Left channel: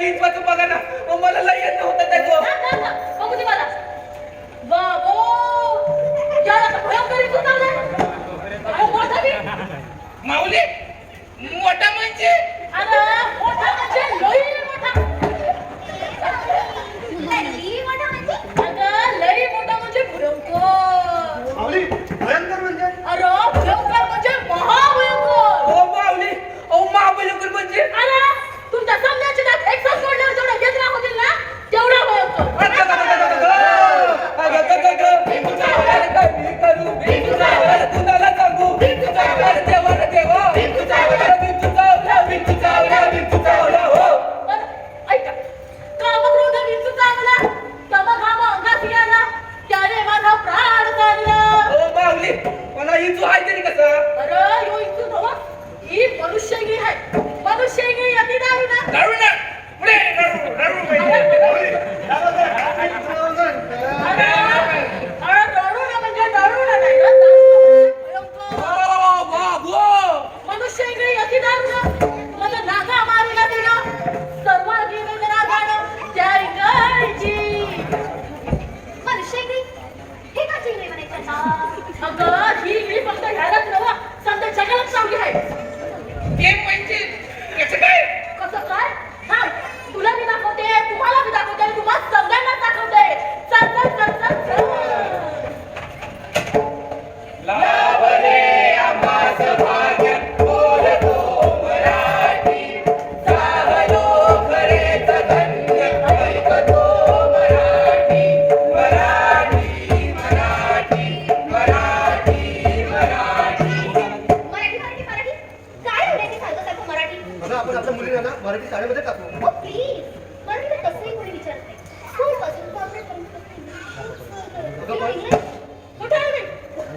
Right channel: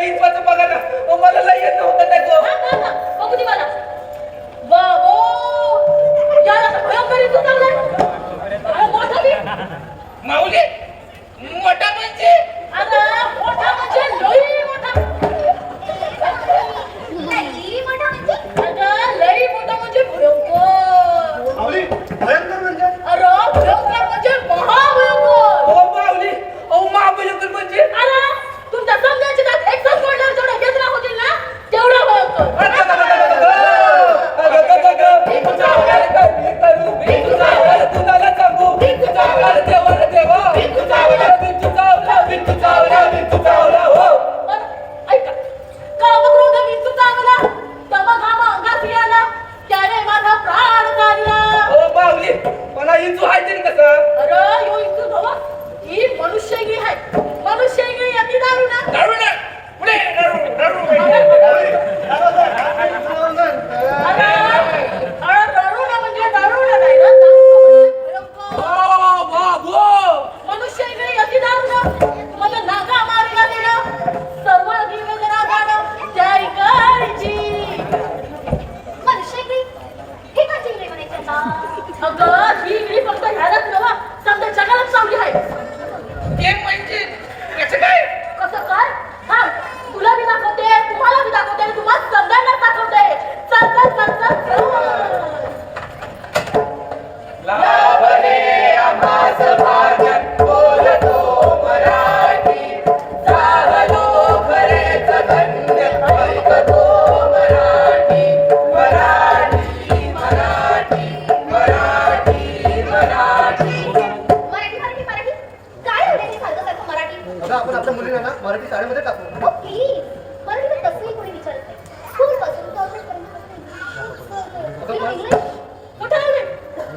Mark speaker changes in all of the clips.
Speaker 1: गीत वाचून बघा ना
Speaker 2: ಅರಾಯು ಇತ್ತು
Speaker 1: ಈ ಮನುಷ್ಯಿಗೆ ಹೈ ಮನುಷ್ಯಿಗೆ मराठी
Speaker 3: साडीमध्ये टाकू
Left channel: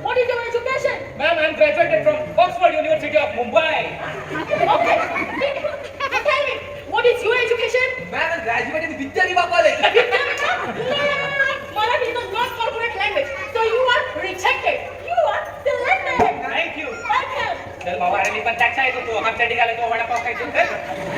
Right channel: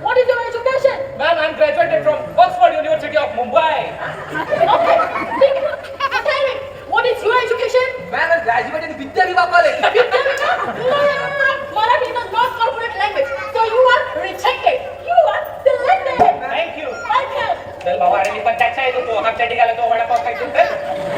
Speaker 2: What is your education?
Speaker 1: I'm graduated from Oxford University of Mumbai.
Speaker 2: okay. What is your education?
Speaker 1: I'm graduated in Vidya Riva College. Vidya Riva?
Speaker 2: Marathi is not corporate language, so you are rejected. You are selected.
Speaker 1: Thank you.
Speaker 2: Welcome.
Speaker 1: चल बाबा अरे मी पण त्याच्या येतो तो हात चटी घाला तो वडापाव खायचो तर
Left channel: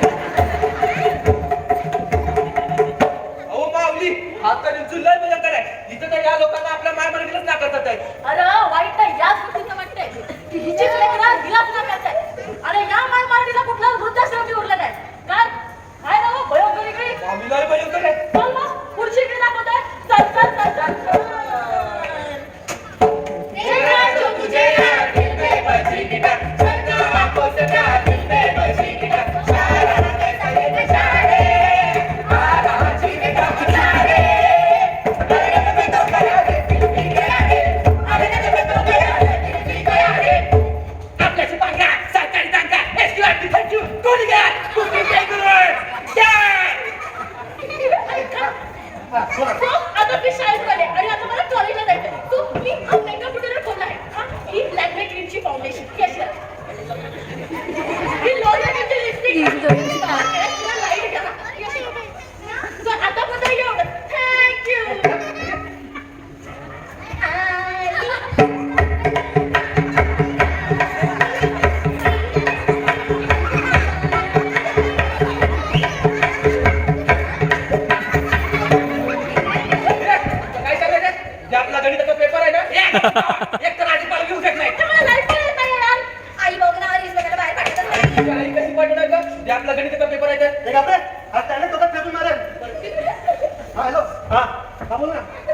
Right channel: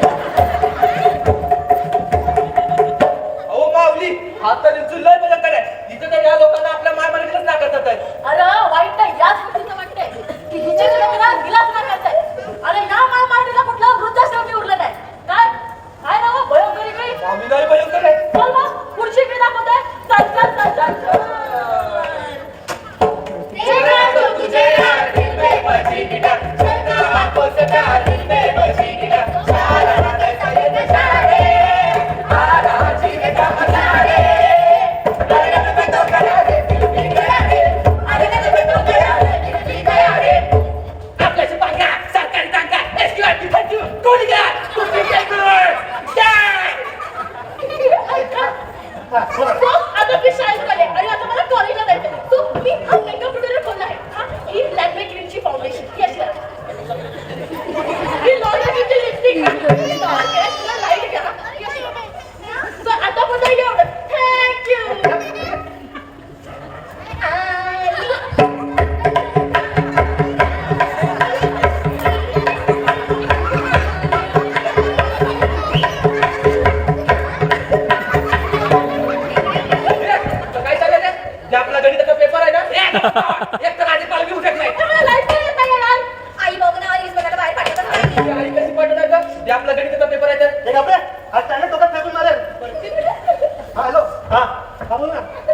Speaker 1: 이런거 입.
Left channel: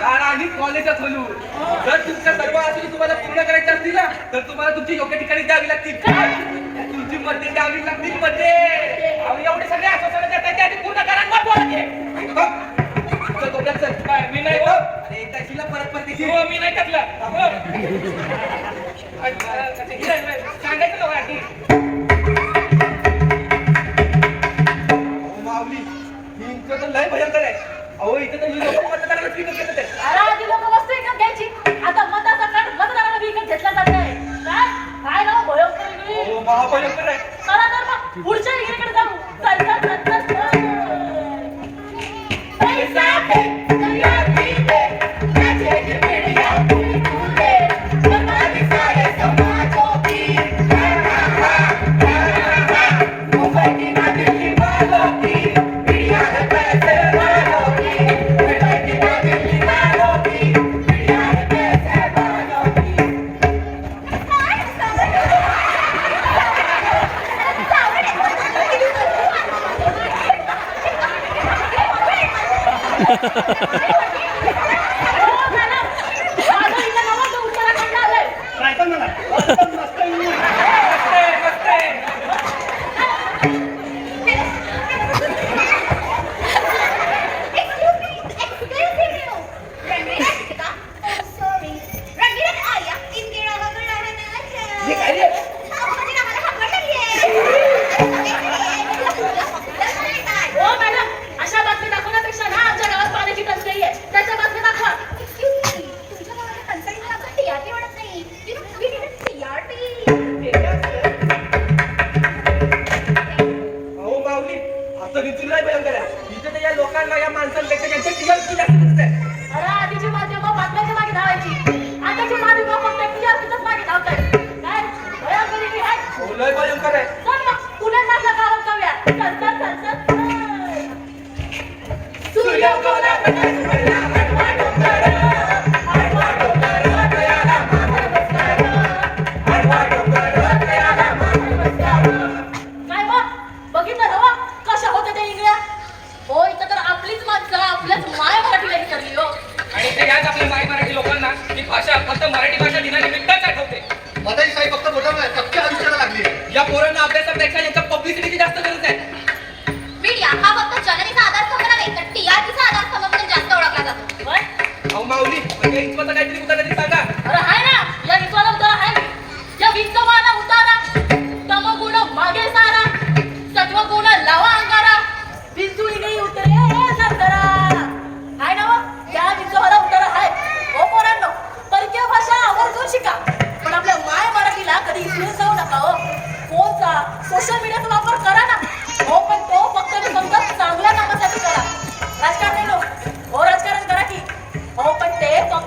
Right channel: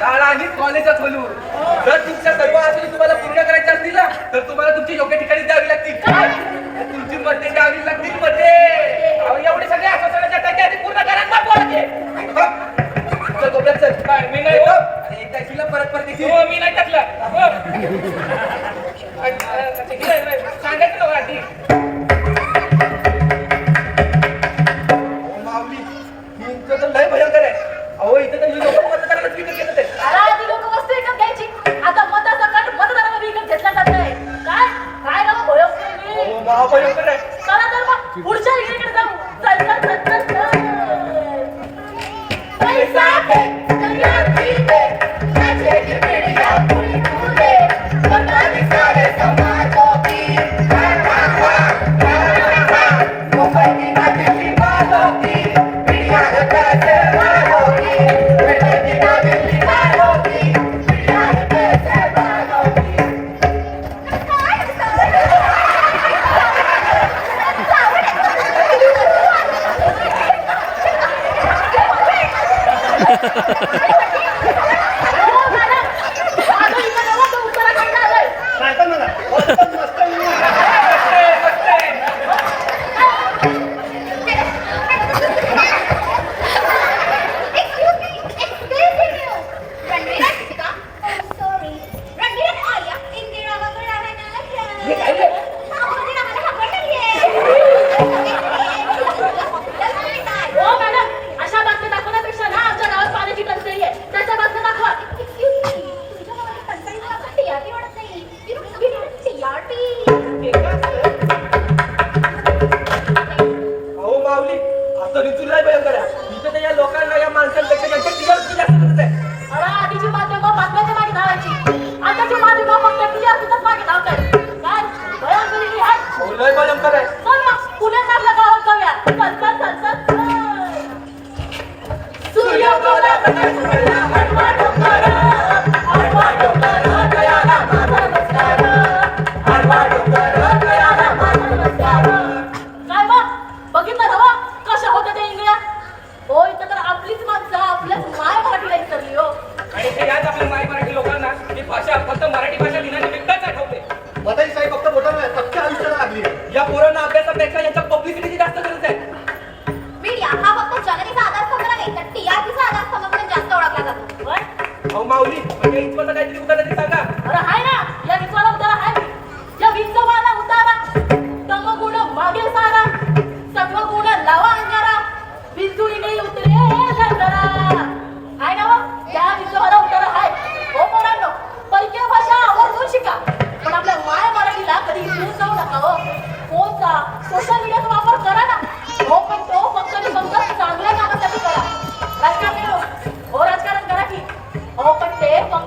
Speaker 1: काल आम्हीच कॉलेजात जर तुमच्या सर्व आधी तुम्हाला पूर्ण करायच्या असतील तर तुम्हाला तुमची योग्य ठिकाणी द्यावी लागतील. काय तुमची मध्ये द्यावी लागतील म्हणजे. मध्ये एवढे सगळे आश्वासनाच्या त्याच्या पूर्ण करा बोलते मी नाही हो? परत परत हो मी नाही टाकला. हो. सांगायचं ना हो,
Speaker 2: आधी?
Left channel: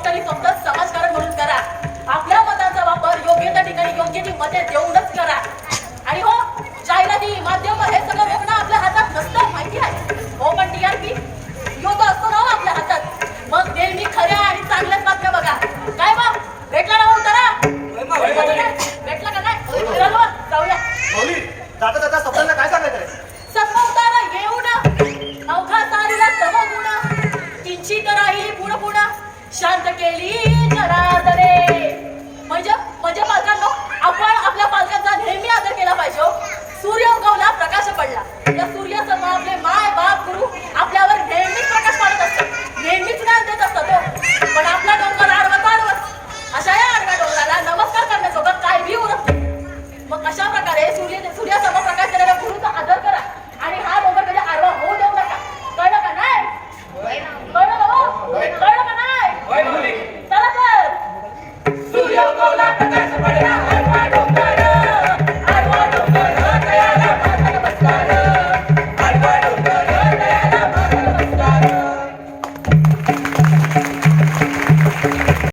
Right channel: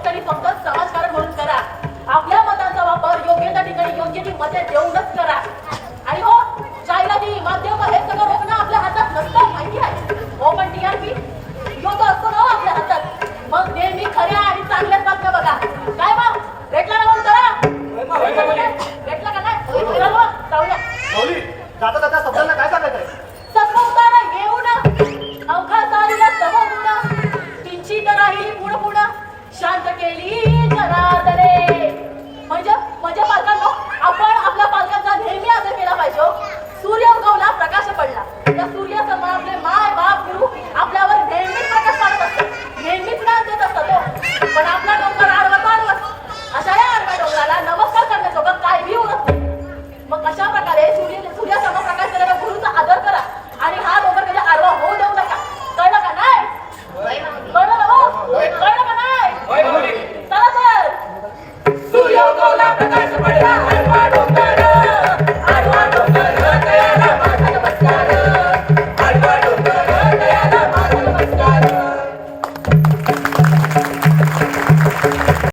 Speaker 2: शेतकरी फक्त
Speaker 1: समाजकारण म्हणून करा.
Speaker 2: आपल्या मताचा वापर योग्य त्या ठिकाणी योग्य ती मते देऊनच करा. आणि हो
Speaker 1: चायना जी माध्यम हे
Speaker 3: सगळं रोखणं आपल्या हातात नसतं
Speaker 1: माहिती आहे?
Speaker 2: हो
Speaker 1: पण टीआरपी
Speaker 2: योग असतो ना हो आपल्या हातात. मग नेहमी खऱ्या
Speaker 1: आणि चांगल्याच बातम्या बघा. काय
Speaker 2: बा भेटला ना मग जरा? भेटला का नाही? जाऊया. केली जरा म्हणजे म्हणजे पालकांनो आपण आपल्या पालकांचा नेहमी आदर केला पाहिजे हो.